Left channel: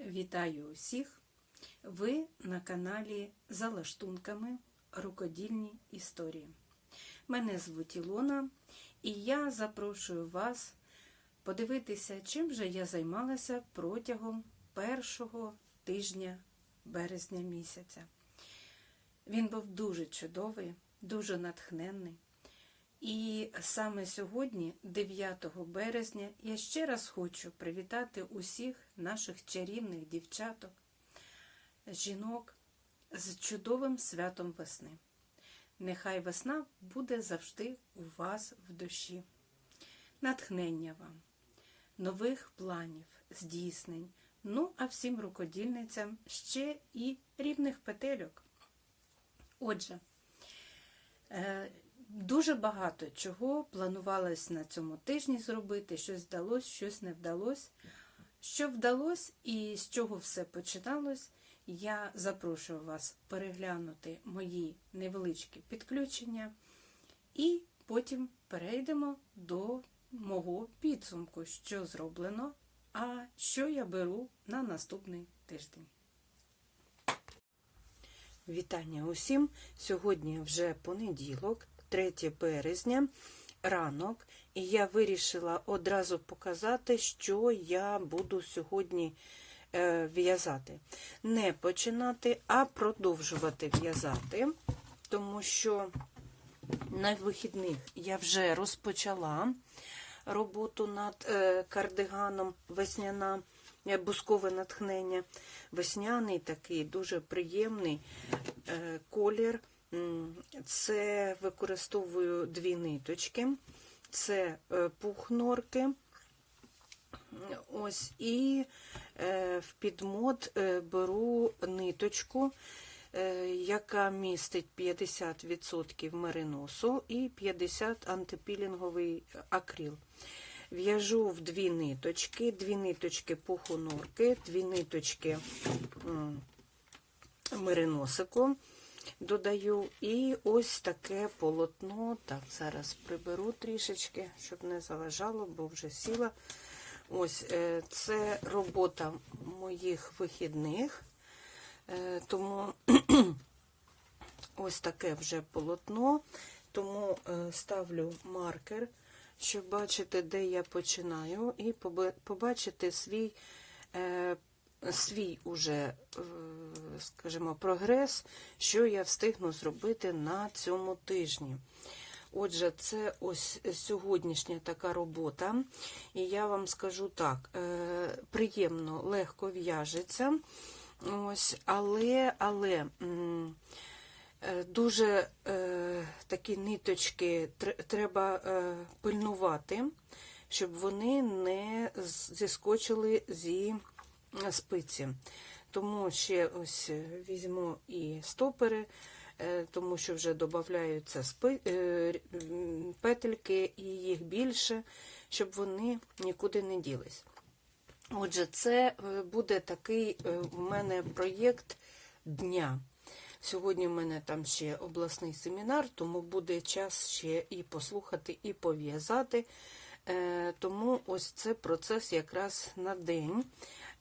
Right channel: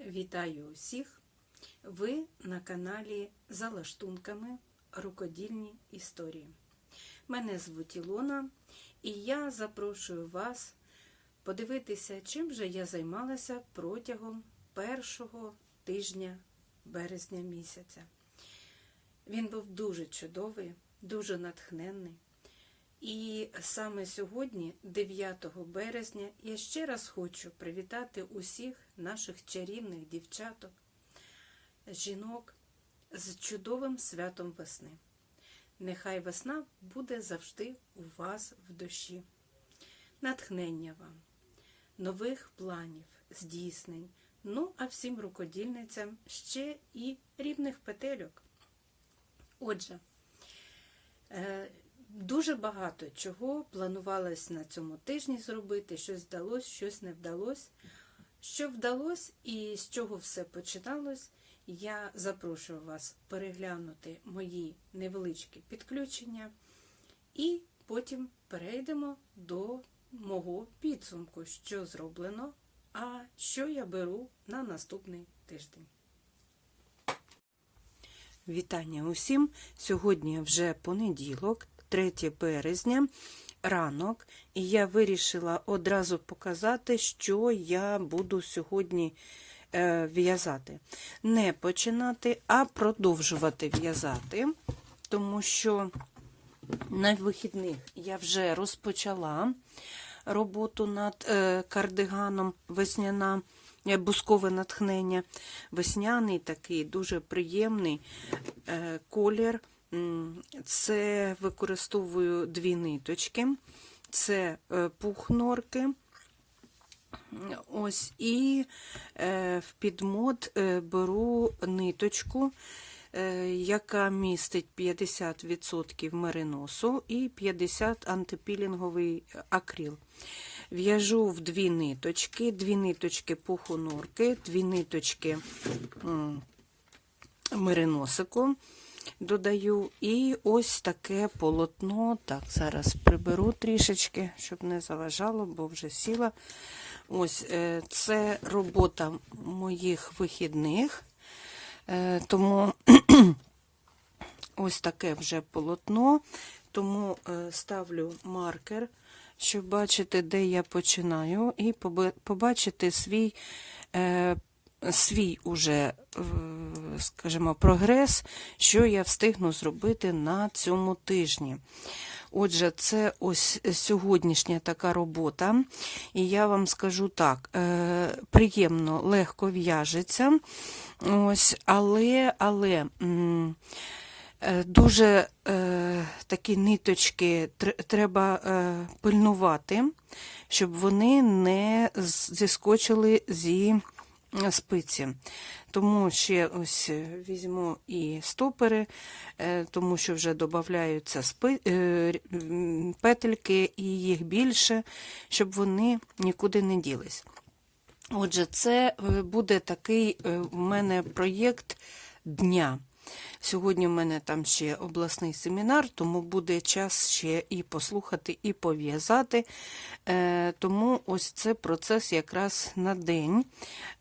Вітаю усіх! Ви на каналі За лаштунками Рукодільні історії. Мене звуть Ілона, і я запрошую вас подивитися, чим же я займалася протягом першого тижня березня місяця. Він був дуже чудовий, дуже натхненний. І саме сьогодні, 9 березня, я ще раз хочу привітати усіх наших чарівних дівчаток, жінок з чудовим святом весни. Нехай весна буде завжди у вас в душі. Натхнення вам, нових планів, здійснень, ну а всім рукодільницям ще і рівних петельок. Отже, е, Дуже багато чого планувалось на цьому тижні зробити, щось вдалося, щось не вдалося. Що вдалося і з чого все починалось, я запрошую вас переглянути мої невеличкі підключення, і потім перейдемо до мого підсумку, що зроблено, а що я беру на наступний тиждень. Вітання усім! Сьогодні вже понеділок. 3 березня, ранок, і я вирішила одразу показати, що я буду сьогодні е, в'язати. Не починати, а продовжувати в'язати, тому що на вихідних я вже розпочала роботу над е, кардиганом весняна. Бускове натхнення, весняний такий дуже приємний е, колір. Це використовую дві ниточки, це пух норки. Ось і в підмот беру ниточку, яка містить 50% мериносу і 50 антипілінговий акрил. В'яжу в дві ниточки, дві ниточки пуху норки, дві ниточки мериносику додаю. І ось таке полотно. Так, зараз приберу трішечки, щоб не заважало, бо вже сіла. Ось е, це робота моїх вихідних, Е, тому ось таке вже полотно, тому е, ставлю маркер, щоб бачити, де я починаю, і побачити свій свій уже, скажімо, прогрес, що я встигну зробити на цьому тижні. Отже, це ось сьогоднішня така робота, і я вам скажу так: е, приємно, легко в'яжеться, ось, але але е, дуже е, такі ниточки треба пильнувати, щоб вони не зіскочили зі спиці. Тому ще ось візьму і стопери, е, тому що вже додаються. Е, петельки і їх більше, щоб вони нікуди не ділись. Отже, це е, буде такий у мене проєкт дня. Сьогодні в мене там ще обласний семінар, тому буде час ще і послухати, і пов'язати. Е, тому ось це процес якраз на день,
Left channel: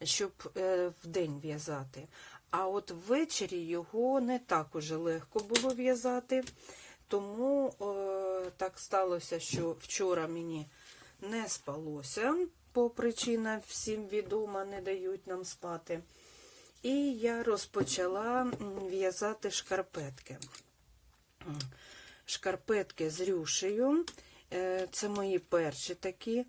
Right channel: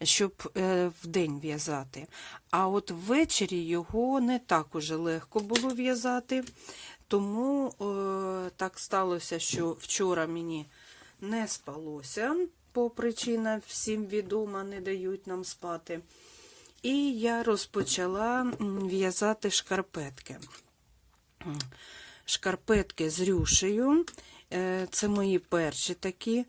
щоб е, в день в'язати. А от ввечері його не так уже легко було в'язати, тому е, так сталося, що вчора мені не спалося, по причинам всім відома, не дають нам спати. І я розпочала в'язати шкарпетки. Шкарпетки з рюшею. Е, це мої перші такі,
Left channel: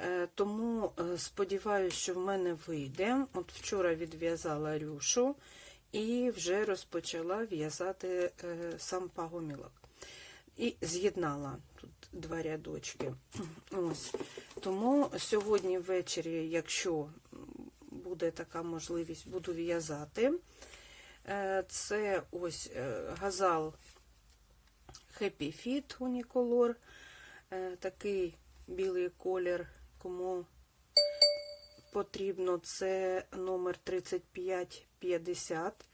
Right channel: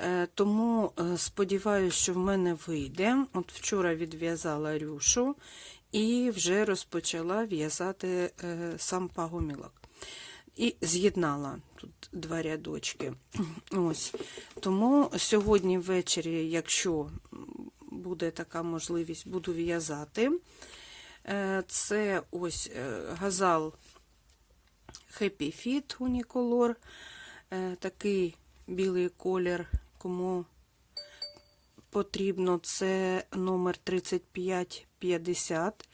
е, тому е, сподіваюся, що в мене вийде. От вчора відв'язала рюшу і вже розпочала в'язати сам пагомілок. І з'єднала тут два рядочки. Ось. Тому сьогодні ввечері, якщо буде така можливість, буду в'язати. Це ось газал Happy Fit Unicolor. Е, такий білий колір, кому потрібно, це номер 3550.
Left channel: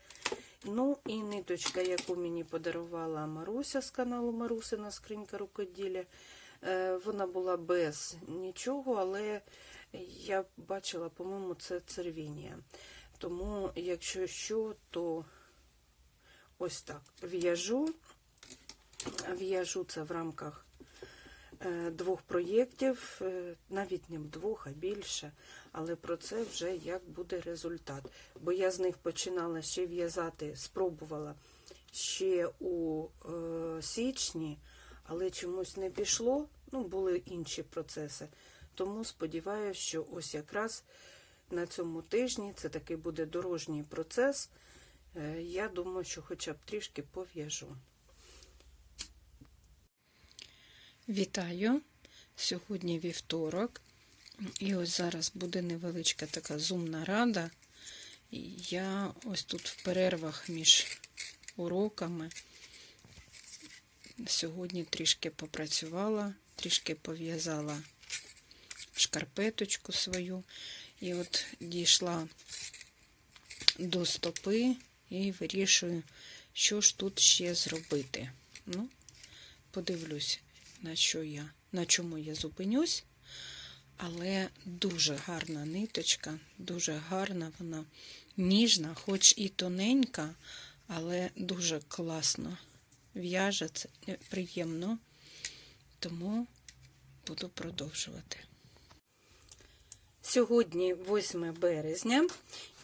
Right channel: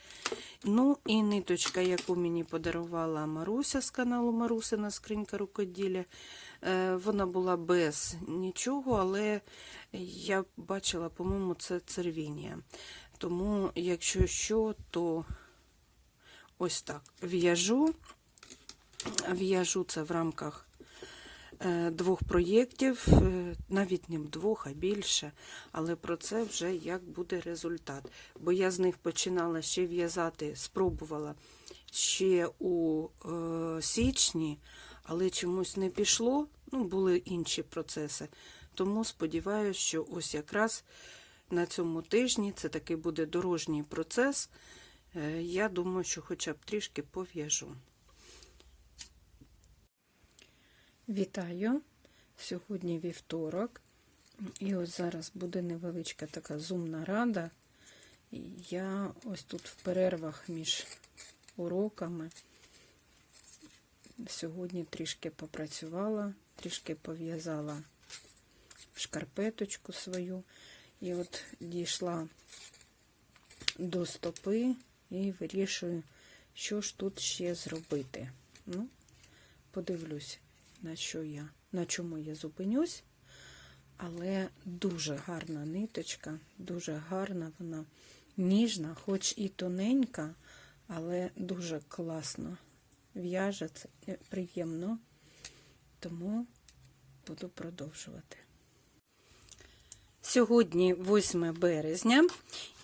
Ну, і ниточка, яку мені подарувала Маруся з каналу Марусина Скринька рукоділля. Е, вона була без нічого, але Я бачила, по-моєму, це цервінія. Тому, якщо що, то ось так. В'яжу. В'яжу це в рамках двох проєктів, е, навіть не двох, а більше. Але про це вже як буде результат. Бо я з них починала ще в'язати, спробувала ще у е, січні, але чомусь не пішло. Ну, були інші процеси. Тому сподіваюся, що ось якраз на цьому тижні це таки буде дорожній процес. Е, Я думаю, що хоча б трішки пов'яжу. Вітаю! Сьогодні вівторок. І ось зараз буде невеличка така зумна рада. Я ось тут в перервах між уроками сьогодні трішки попрацювала, трішки пов'язала шкарпеточку свою. І от дійшла до стопи і вирішую, що ж тут ще зробити. Ну, подивлюсь, на що я, на чому я зупинюсь. Але дуже гарна ниточка, дуже гарна вона, ніжна, хоч і тоненька, але дуже класно в'яже, е, приємно. Тому буду продовжувати. Сьогодні 8 березня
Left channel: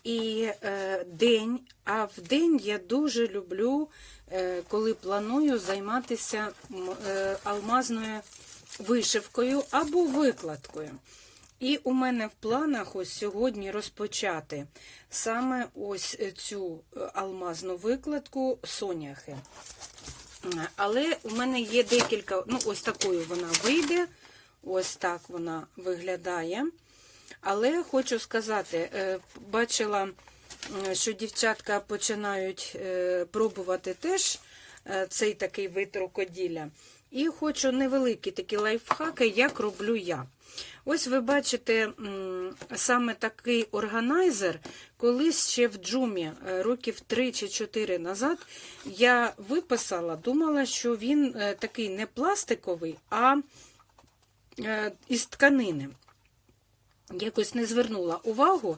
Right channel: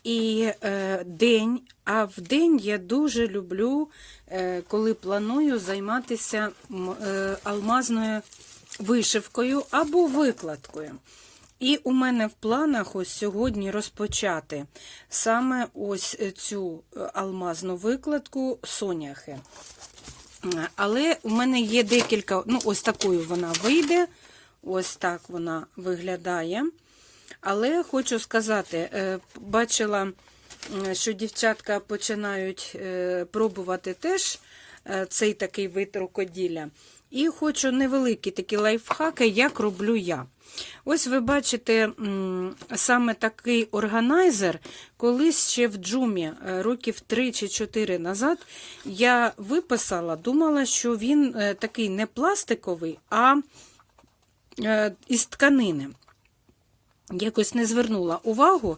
і е, день, а в день я дуже люблю, е, коли планую займатися е, алмазною вишивкою або викладкою. І у мене в планах ось сьогодні розпочати саме ось цю е, алмазну викладку соняхи. Але у мене є декілька, ну, ось такою вона вийде, ось так вона виглядає. Але хочу сказати, е, бачила, е, що дівчатка починають е, пробувати теж цей такий вид рукоділля. І хочу невеликі такі лайфхаки, як роблю я. Ось ви бачите саме такий органайзер, колись ще в джумі років 3 чи 4 назад я виписала, думала, що він такий не пластиковий, а із тканини якось не звернула увагу.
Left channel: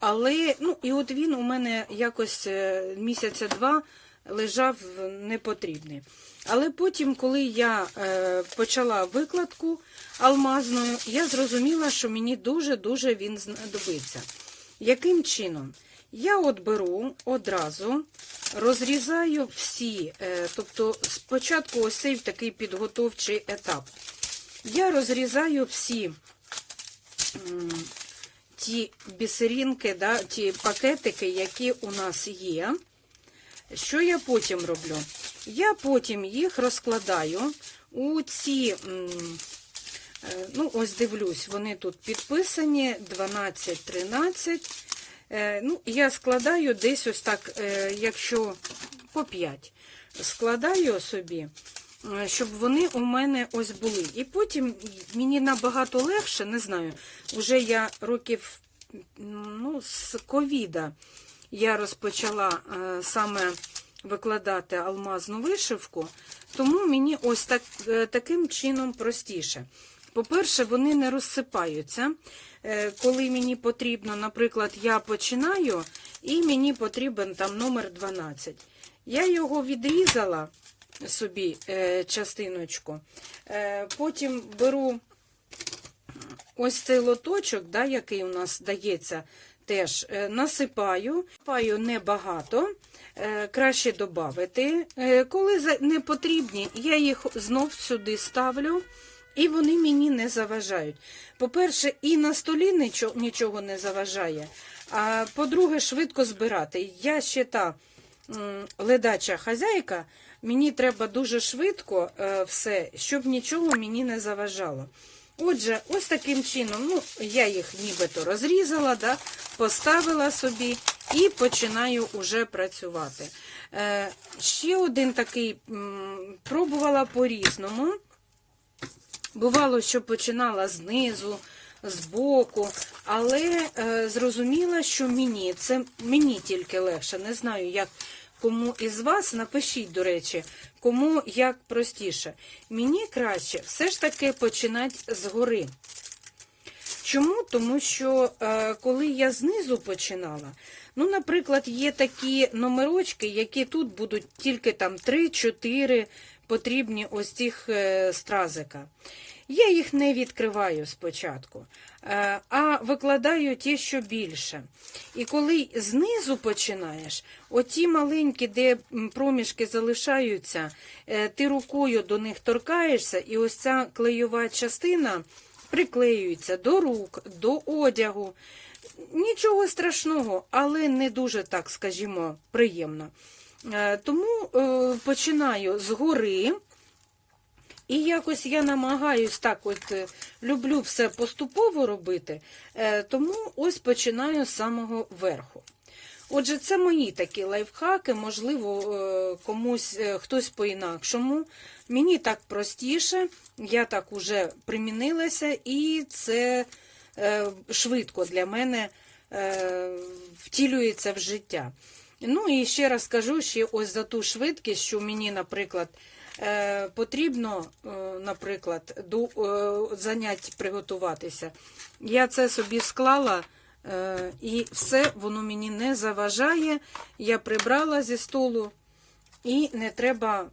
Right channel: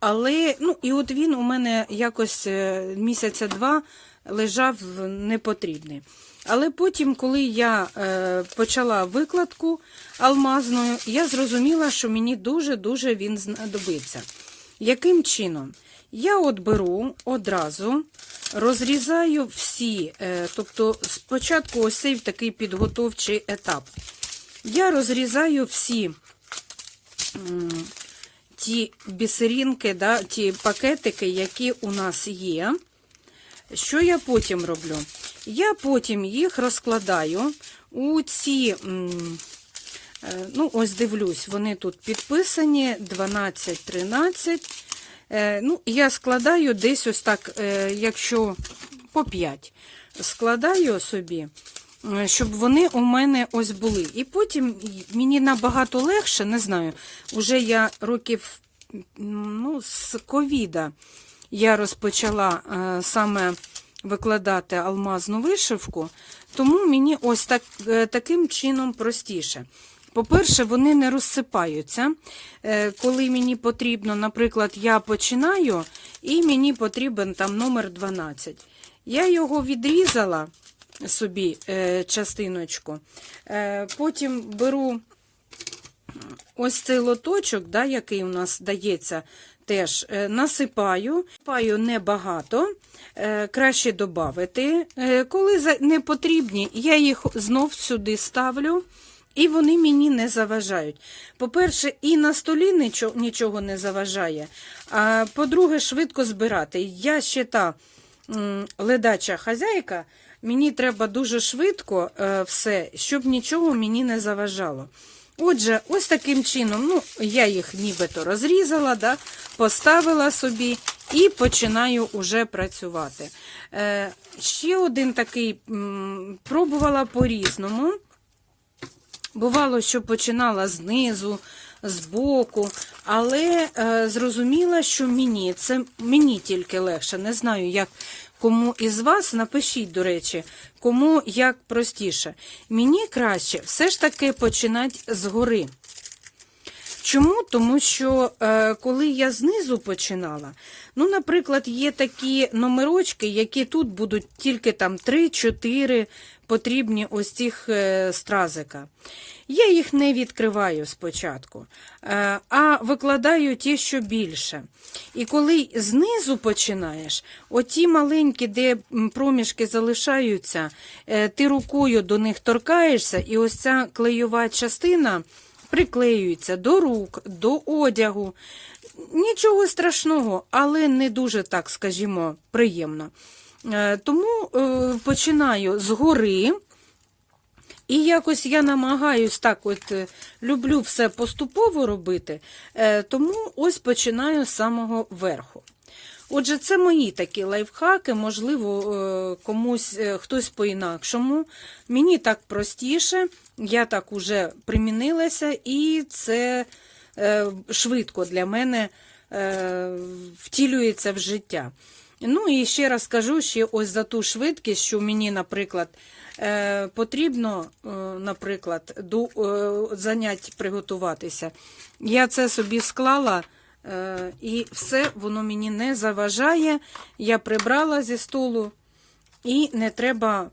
Але, ну, і от він у мене якось е, місяця два лежав непотрібний. Але потім, коли я е, почала викладку алмазною, я зрозуміла, що мені дуже-дуже він знадобиться. Яким чином? Я от беру одразу, розрізаю всі, е, тобто спочатку ось цей такий підготовчий етап. Я розрізаю всі ті бісерінки, да, ті пакетики, які у нас є. Що я потім роблю? Я потім їх розкладаю у ці, е, ну, ось дивлюсь, вони тут підписані 12-13. Е, ну, Я складаю десь ось так, е, якщо по 5, складаю собі щоб вони у мене ось були. І потім мені набагато легше, не знаю, вже я років ну, з ковіда я розпочала е, саме викладати алмазну вишивку, тому мені ось так, е, таким чином простіше. По-перше, вони не розсипаються. Е, коли мені потрібно, наприклад, я починаю, і мені потрібен там номер 12. Я його відрізала собі е, частиночку. Е, потім беру ось цей лоточок, да, який у нас дається, теж е, насипаю, насипаю небагато. Краще додати. Коли не потрібні, я їх знов сюди ставлю, і вони мені не заважають. По-перше, і на столі нічого не заважає. А по-друге, швидко збирати. Я ще та ледача хазяйка, Мені треба дуже швидко е, все, щоб нічого мені не заважало. Отже, ось таким чином, ну, я їх нібито розрізала, да, поставила собі і починаю уже працювати. Е, Ще один такий м, пробувала по-різному. Бувало, що починала знизу, збоку, але е, зрозуміла, що мені це мені тільки легше. Не знаю, як Кому із вас напишіть, до речі, кому як простіше. Мені краще все ж таки починати згори. Чому? Тому що е, коли я знизу починала, ну, наприклад, є такі номерочки, які тут будуть тільки там 3-4 потрібні ось цих е, стразика. Я їх не відкриваю спочатку, е, а викладаю ті, що більше. І коли знизу починаєш, оті маленькі, де проміжки залишаються, е, ти рукою до них торкаєшся, і ось ця клейова частина приклеюється до рук, до одягу. Нічого страшного, але не дуже так, скажімо, приємно. Е, Тому починаю згори. І якось я намагаюсь так, от е, люблю все поступово робити, е, тому ось починаю з самого верху. Отже, це мої такі лайфхаки, можливо, е, комусь хтось по-інакшому. Мені так простіше, я так уже примінилася, і це швидко для мене втілюється в життя. Ну і ще раз кажу, ще ось за ту швидкість, що мені, наприклад, потрібно, е, наприклад, до е, занять приготуватися. Я це собі склала. Е, І все воно мені не заважає. Я прибрала зі столу, і не треба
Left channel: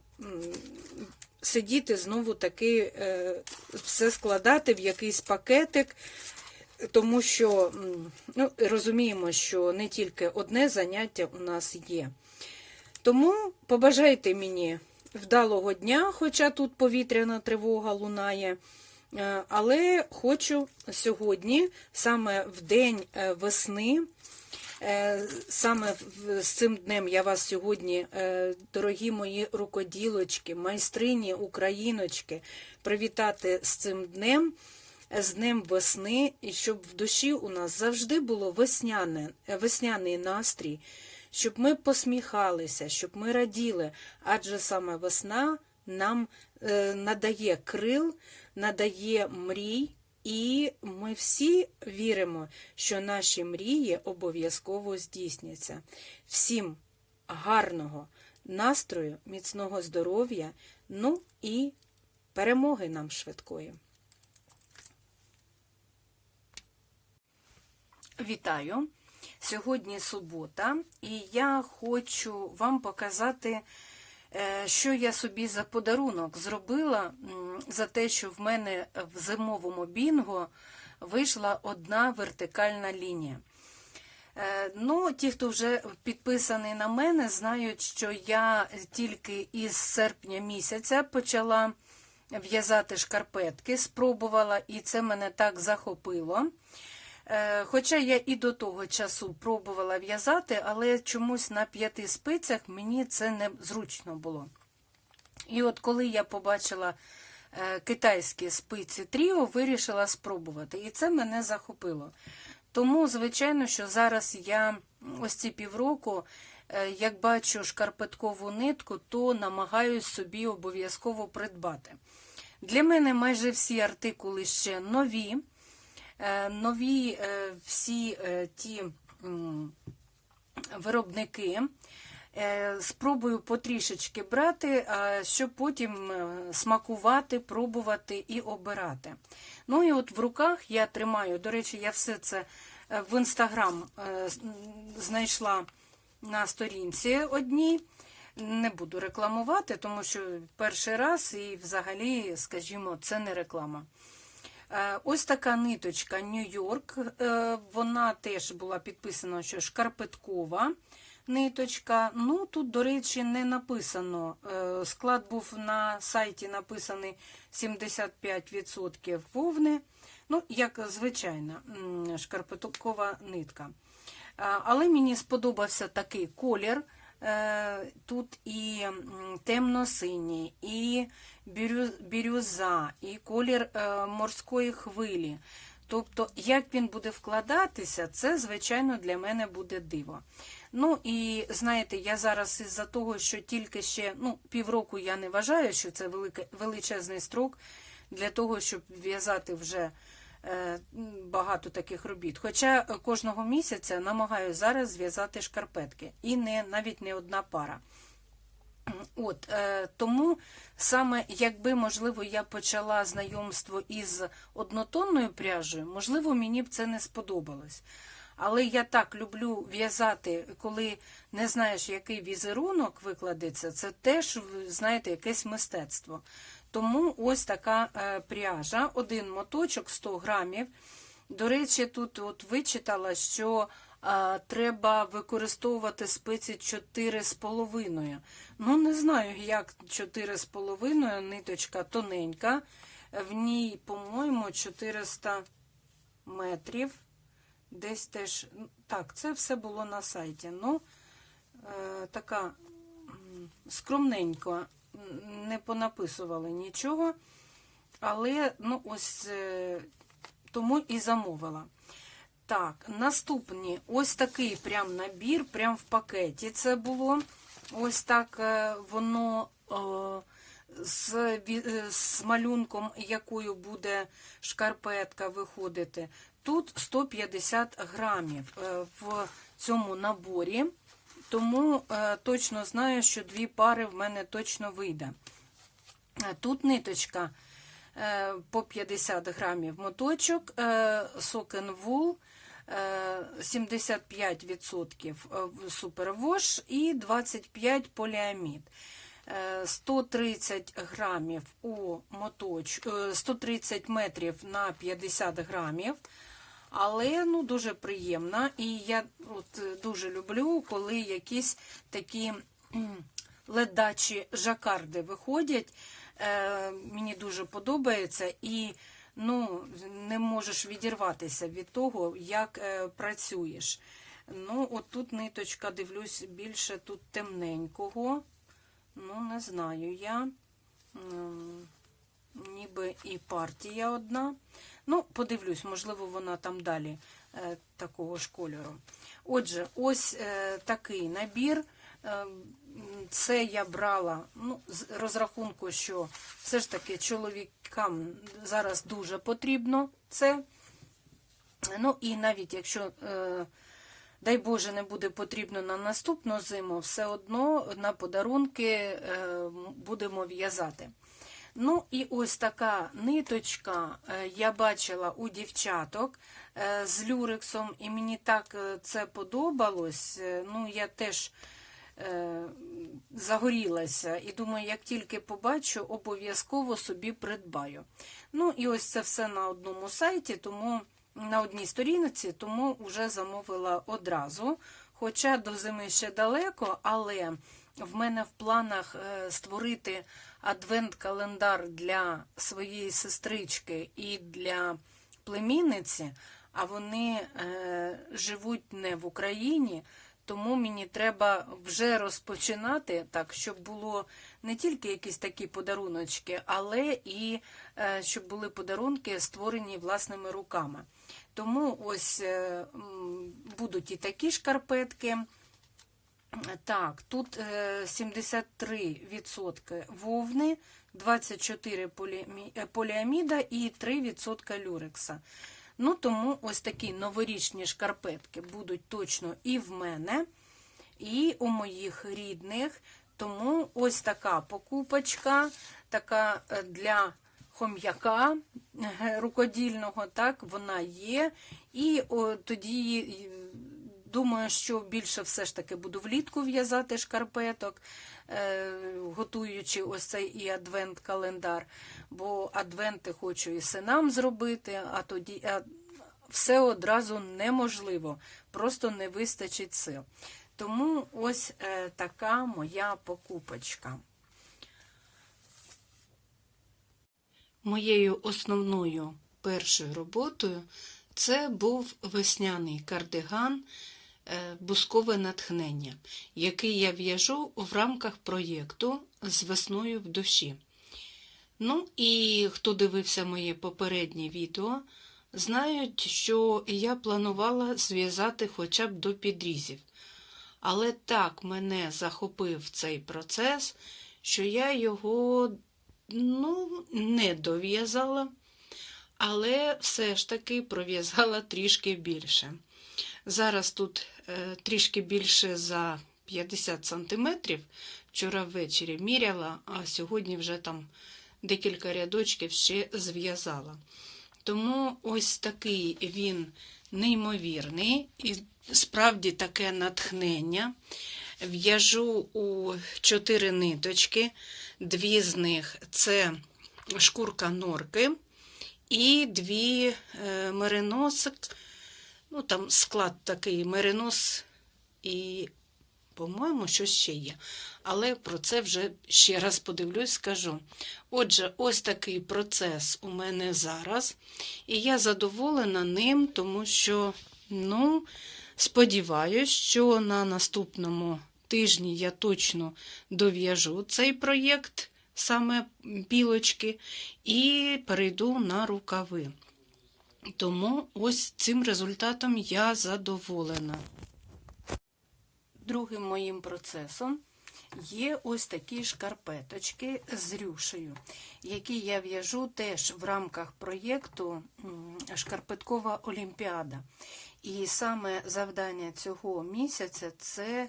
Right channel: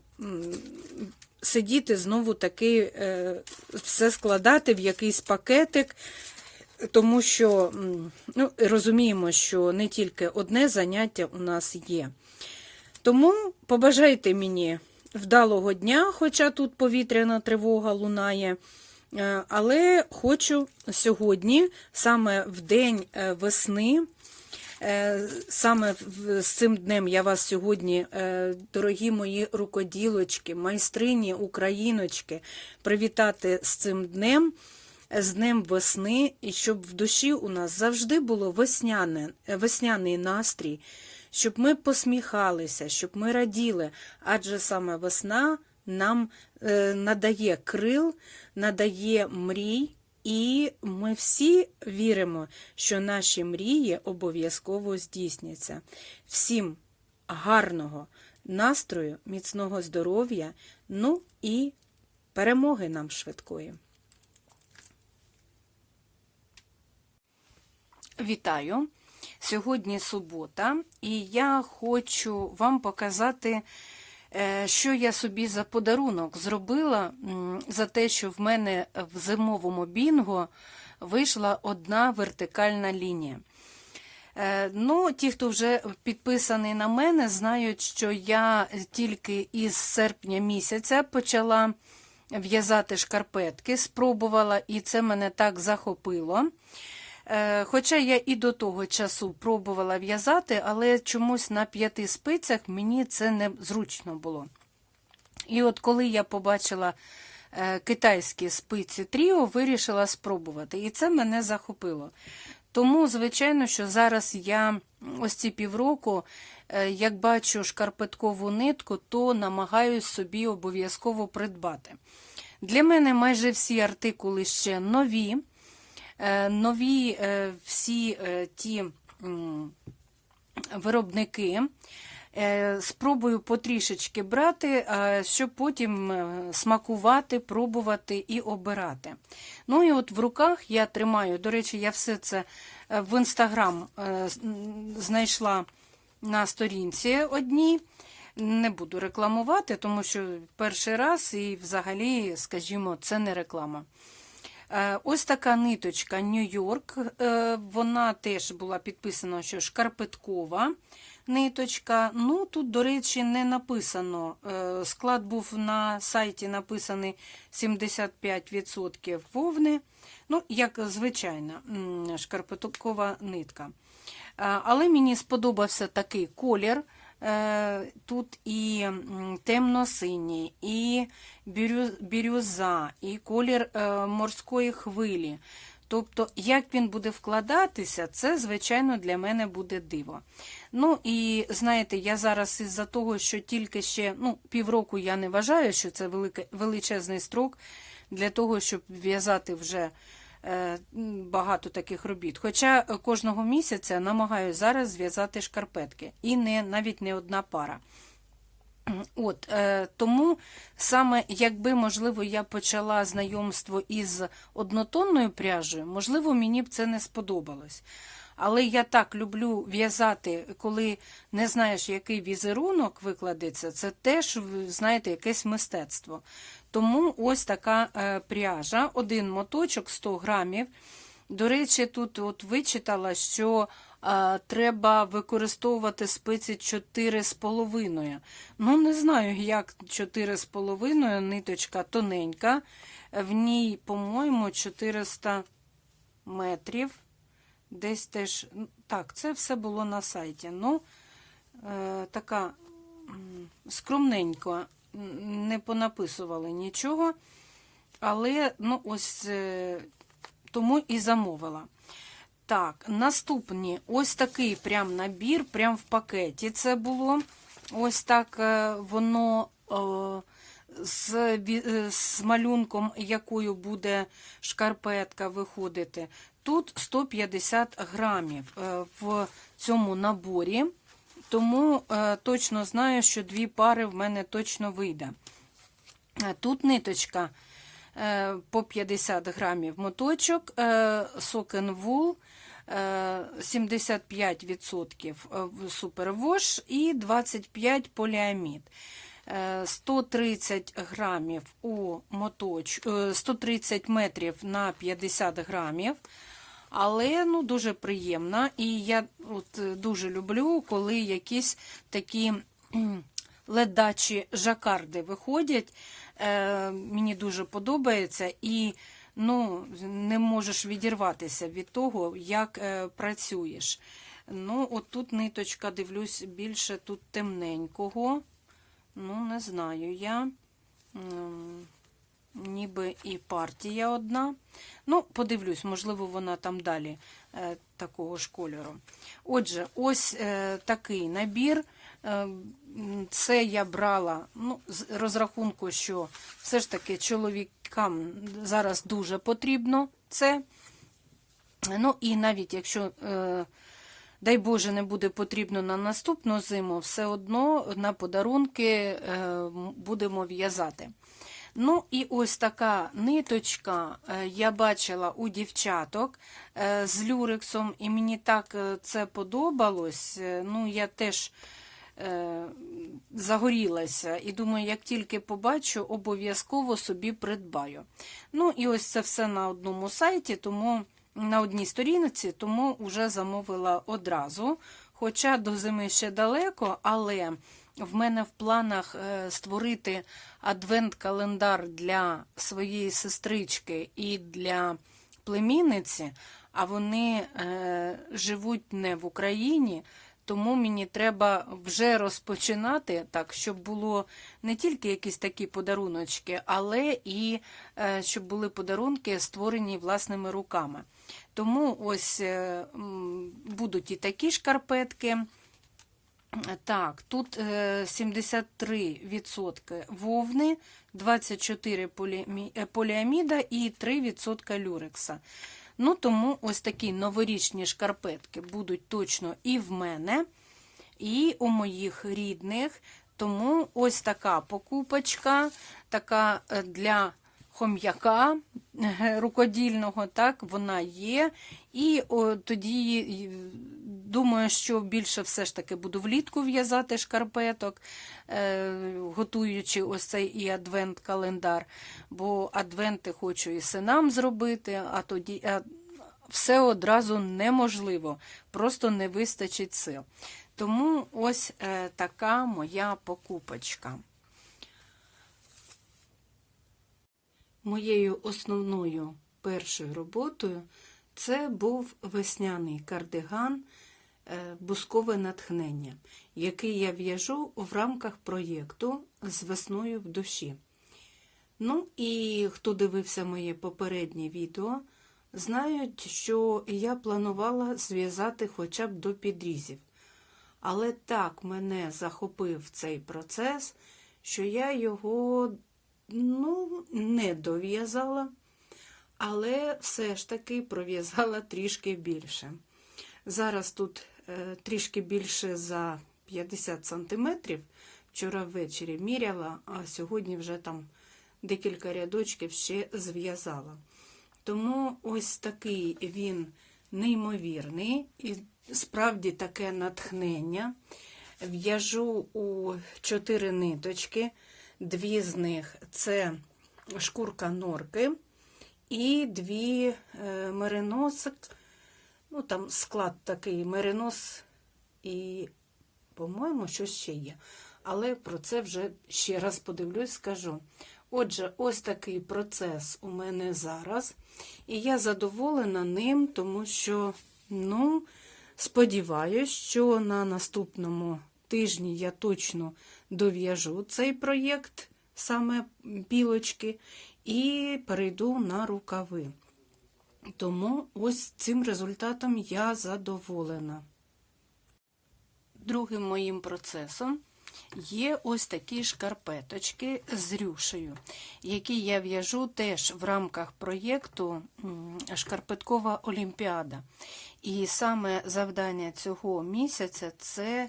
сидіти знову таки е, все складати в якийсь пакетик, тому що ну, розуміємо, що не тільки одне заняття у нас є. Тому побажайте мені вдалого дня, хоча тут повітряна тривога лунає. Е, Але хочу сьогодні, саме в день е, весни, е, саме з цим днем я вас сьогодні, дорогі мої рукоділочки, майстрині, україночки, привітати з цим днем, з днем весни, і щоб в душі у нас завжди було весняне, весняний настрій, щоб ми посміхалися, щоб ми раділи, адже саме весна нам е, надає крил, надає мрій, і ми всі віримо, що наші мрії обов'язково здійсняться. Всім гарного настрою, міцного здоров'я, ну і перемоги нам швидкої. Вітаю! Сьогодні субота, і я хочу вам показати, е, що я собі за подарунок зробила за те, що в мене в зимовому бінго вийшла одна вертикальна лінія. Е, Ну, ті, хто вже підписаний на мене, знають, що я тільки із серпня місяця почала в'язати шкарпетки, спробувала, і це мене так захопило. Е, Хоча я і до того часу пробувала в'язати, але чомусь на п'яти спицях мені це не зручно було. І от коли я побачила е, китайські спиці Тріо, вирішила спробувати. І це мене захопило. Тому, звичайно, що зараз я ось ці півроку, е, як бачу шкарпеткову нитку, то намагаюсь собі обов'язково придбати. Для мене майже всі артикули ще нові. Е, Нові е, всі е, ті виробники. Спробую потрішечки брати, щоб потім смакувати, пробувати і обирати. Ну і от в руках я тримаю, до речі, я все це в інстаграм знайшла на сторінці одній. Не буду рекламувати, тому що перший раз і взагалі, скажімо, це не реклама. Е, Ось така ниточка Нью-Йорк. е, Вона теж була підписана, що шкарпеткова ниточка. Ну, тут, до речі, не написано. Е, Склад був на сайті написаний 75% вовни. Ну, як звичайна шкарпеткова нитка. Але мені сподобався такий колір. Тут і темно-синій, і бірюза, і колір е, морської хвилі. Тобто, як він буде вкладатися, це, звичайно, для мене буде диво. Ну і знаєте, я зараз із-за того, що тільки ще ну, півроку я не вважаю, що це величезний строк для того, щоб в'язати вже е, багато таких робіт. Хоча кожного місяця намагаюся зараз зв'язати шкарпетки. І не, навіть не одна пара. От, е, тому саме якби, можливо, я почала знайомство із однотонною пряжею, можливо, мені б це не сподобалось. Але я так люблю в'язати, коли не знаєш, який візерунок викладеться, це теж, знаєте, якесь мистецтво. Тому ось така е, пряжа, один моточок 100 грамів. До речі, тут от вичитала, що треба використовувати спиці 4,5. Ну, не знаю, як 4,5, ниточка тоненька. В ній, по-моєму, 400 метрів. Десь теж. Так, це все було на сайті. Ну, е, така скромненько, не понаписували нічого. Але, ну, ось е, тому і замовила. Так, наступні ось такий прям набір, прям в пакеті це було. Ось так е, воно е, з, е, з малюнком, якою буде шкарпетка виходити. Тут 150 грамів в цьому наборі, тому точно знаю, що дві пари в мене точно вийде. Тут ниточка по 50 грамів моточок, сокен вул, 75% в супервош і 25 поліамід. Е, 130 грамів у моточ, е, 130 метрів на 50 грамів. Але ну, дуже приємна. І я от, е, дуже люблю, коли якісь такі ледачі жакарди виходять. Е, мені дуже подобається. І ну, не можеш відірватися від того, як е, працюєш. Ну, от тут ниточка, дивлюсь, більше тут темненького. Ну, не знаю я. Ніби і партія одна. Ну, подивлюсь, можливо, вона там далі е, такого ж кольору. Отже, ось е, такий набір. Е, це я брала ну, з розрахунку, що все ж таки чоловікам зараз дуже потрібно це. Ну і навіть якщо, е, дай Боже, не буде потрібно на наступну зиму, все одно на подарунки е, будемо в'язати. Ну і ось така ниточка я бачила у дівчаток з люрексом, і мені так це подобалось. Ну, я теж загорілася і думаю, як тільки побачу, обов'язково собі придбаю. Ну і ось це все на одному сайті, тому на одній сторінці, тому вже замовила одразу. Хоча до зими ще далеко, але в мене в планах е, створити адвент-календар для своєї сестрички і для племінниці, а вони е, живуть не в Україні, тому мені треба вже розпочинати так, щоб було не тільки якісь такі подаруночки, але і е, щоб були подарунки, створені власними руками. Тому ось е, будуть і такі шкарпетки. Так, тут е, 73% вовни, 24 поліамі- е, поліаміда і 3% люрекса. Ну, тому ось такі новорічні шкарпетки будуть точно і в мене, і у моїх рідних. Тому ось така покупочка, така е, для хом'яка е, рукодільного, так, вона є. І о, тоді е, думаю, що більше все ж таки буду влітку в'язати шкарпеток, е, готуючи ось цей і адвент-календар. Бо адвенти хочу і синам зробити, а тоді а все одразу неможливо, просто не вистачить сил. Тому ось е, така моя покупочка. Моєю основною першою роботою це був весняний кардиган Бускове натхнення, який я в'яжу в рамках проєкту з весною в душі. Ну і хто дивився моє попереднє відео, знають, що я планувала зв'язати хоча б до підрізів. Але так мене захопив цей процес, що я його ну, не дов'язала, але все ж таки пров'язала трішки більше. Зараз тут е, трішки більше за 50 см вчора ввечері міряла, а сьогодні вже там декілька рядочків ще зв'язала. Тому ось такий він неймовірний і справді таке натхнення. В'яжу у чотири ниточки, дві з них це шкурка норки і дві е, мериносик. Ну, там склад такий меринос і, по-моєму, щось ще є. Але про це вже ще раз подивлюсь, скажу. Отже, ось такий процес у мене зараз. І я задоволена ним, тому що, ну, сподіваюсь, що на наступному тижні я точно дов'яжу цей проєкт, саме пілочки, і перейду на рукави. Тому ось цим результатом я задоволена. Другим моїм процесом є ось такі шкарпеточки з рюшею, які я в'яжу теж в рамках проєкту Шкарпеткова Олімпіада. І саме завдання цього місяця це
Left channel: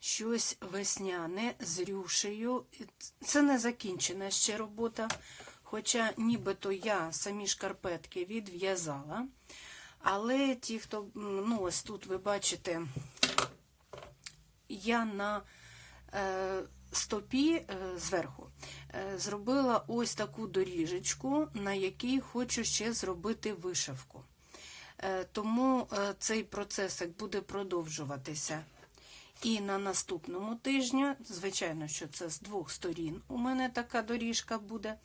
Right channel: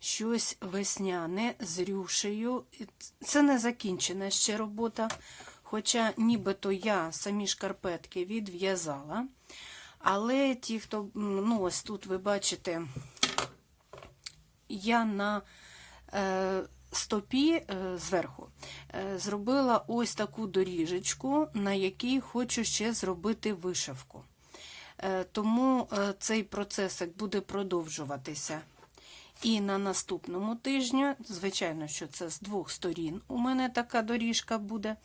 щось весняне з рюшею. Це не закінчена ще робота. Хоча нібито я самі шкарпетки відв'язала. Але ті, хто, ну ось тут ви бачите, я на е, стопі е, зверху е, зробила ось таку доріжечку, на якій хочу ще зробити вишивку. Е, тому е, цей процесик буде продовжуватися. І на наступному тижні, звичайно, що це з двох сторін у мене така доріжка буде.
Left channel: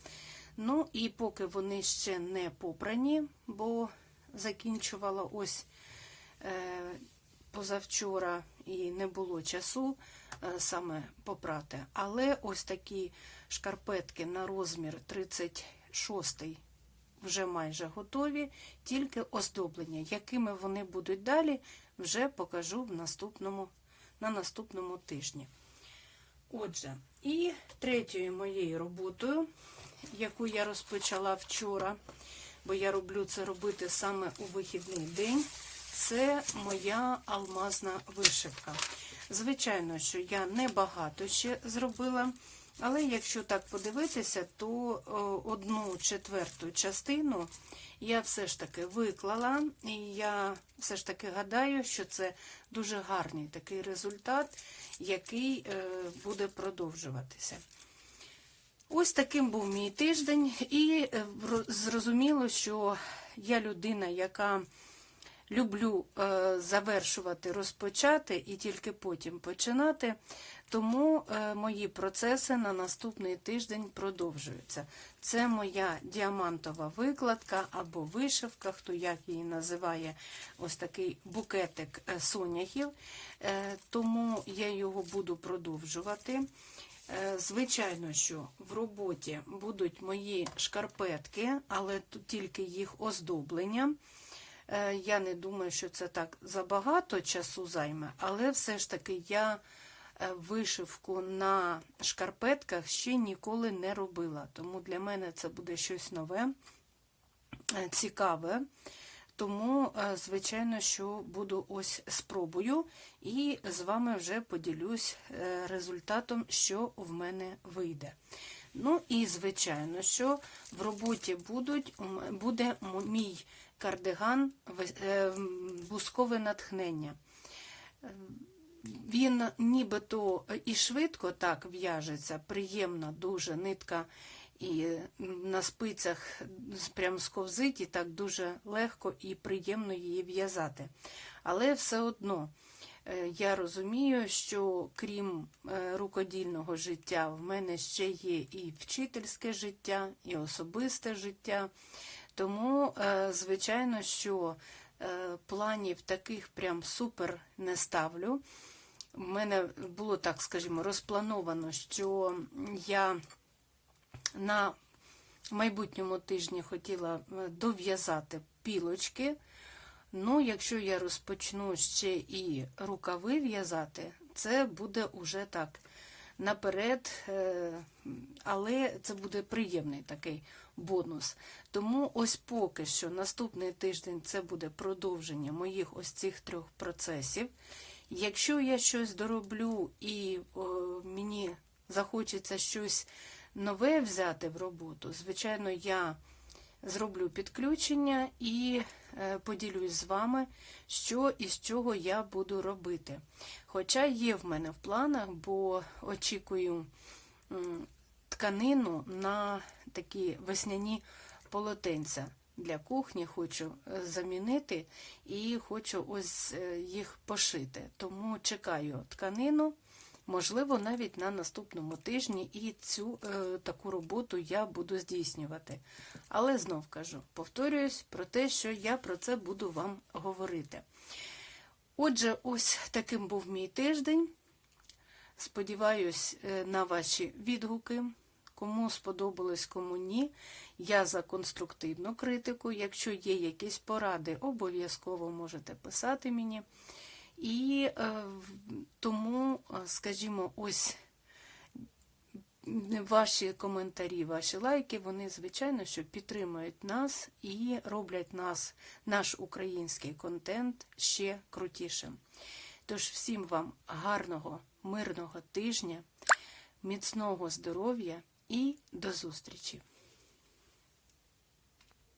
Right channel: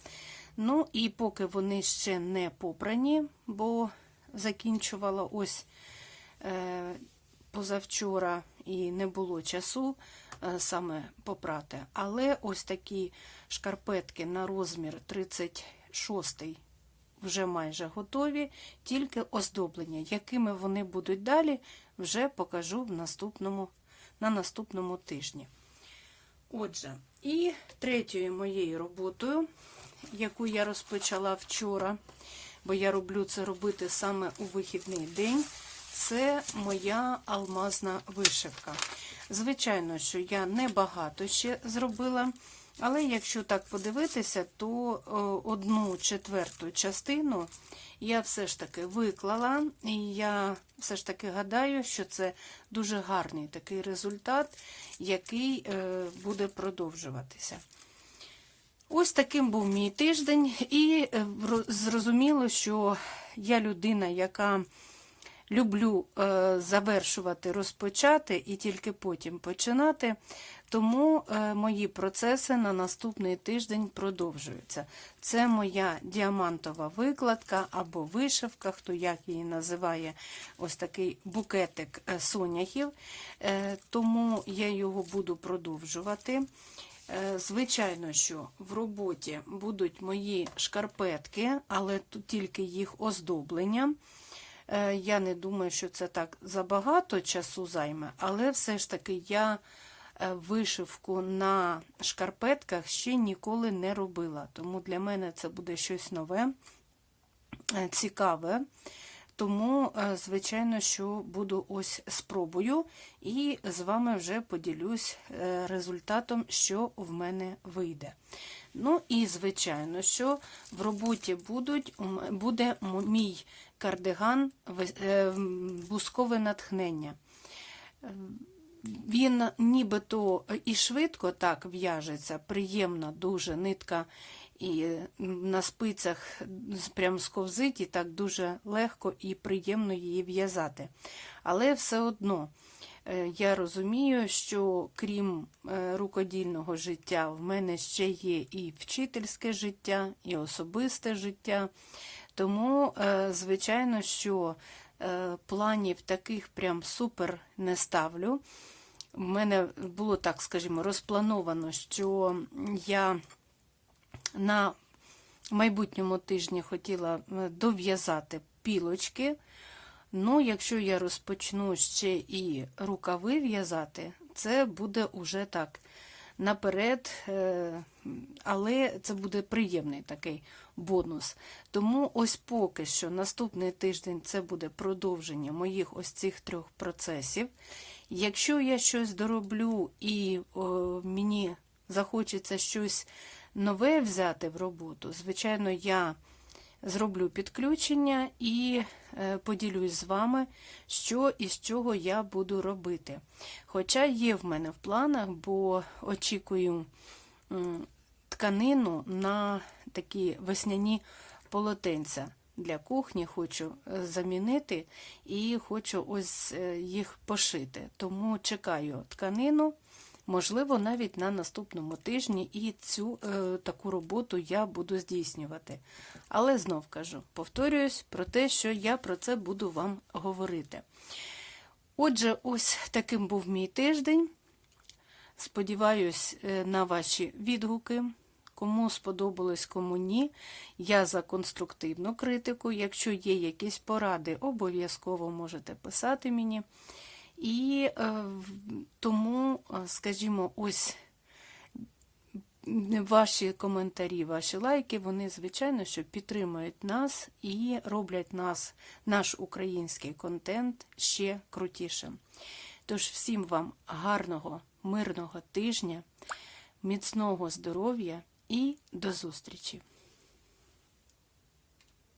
Ну, і поки вони ще не попрані, бо закінчувала ось е, позавчора і не було часу е, саме попрати. Але ось такі шкарпетки на розмір 36 вже майже готові, тільки оздоблення. Якими вони будуть далі, вже покажу в наступному, на наступному тижні. Отже, і третьою моєю роботою, яку я розпочала вчора, бо я роблю це робити саме у вихідний день, це моя алмазна вишивка. Звичайно, що я небагато ще зробила, але якщо так подивитися, то одну четверту частину я все ж таки виклала, і я все ж таки гадаю, що це дуже гарний такий результат, який е, буде продовжуватися. Ось таким був мій тиждень, і е, зрозуміло, що я людина, яка люблю е, завершувати, розпочати і тільки потім починати. Тому е, мої процеси на наступний тиждень продовжуються. Це моя діамантова викладка або вишивка, хто як її називає, ось такий букетик соняхів. Тому я його буду продовжувати. Е, Звичайно, що в роботі будуть мої шкарпетки, але тут тільки їх оздоблення. Е, Я не думаю, що це так забагато часу займе, але все ж таки я е, вишивку на шкарпетках ще ніколи не робила. Тому для мене це буде щось нове, цікаве. Тому, е, звичайно, що буду ось спробую і з вами вже поділюсь е, результатом, що в мене вийде. Ну і, звичайно, що в роботі будуть, буде мій кардиган е, бускове натхнення. Він нібито і швидко так в'яжеться, приємно дуже нитка і на спицях прям сковзить, і так дуже легко і приємно її в'язати. Але все одно е, я розумію, що крім е, рукодільного життя, в мене ще є і вчительське життя, і особисте життя. Тому, е, звичайно, що е, планів таких прям супер не ставлю. У мене було так, скажімо, розплановано, що я на майбутньому тижні хотіла е, дов'язати пілочки. Ну, якщо я розпочну ще і рукави в'язати, це буде уже так наперед, е, але це буде приємний такий бонус. Тому ось поки що наступний тиждень це буде продовження моїх ось цих трьох процесів. Якщо я щось дороблю і о, мені захочеться щось нове взяти в роботу, звичайно, я зроблю підключення і е, поділюсь з вами, що і з чого я буду робити. Хоча є в мене в планах, бо очікую тканину на такі весняні полотенця. Для кухні хочу е, замінити і хочу ось е, їх пошити. Тому чекаю тканину, можливо, навіть на наступному тижні, і цю е, таку роботу я буду здійснювати. Але знов кажу, повторююсь про те, що я про це буду вам говорити. Отже, ось таким був мій тиждень. Сподіваюсь е, на ваші відгуки. Кому сподобалось, кому ні. Я за конструктивну критику. Якщо є якісь поради, обов'язково можете писати мені. І е, тому, е, скажімо, ось ваші коментарі, ваші лайки, вони, звичайно, що підтримують нас і роблять нас, наш український контент ще крутішим. Тож всім вам гарного, мирного тижня, міцного здоров'я і до зустрічі!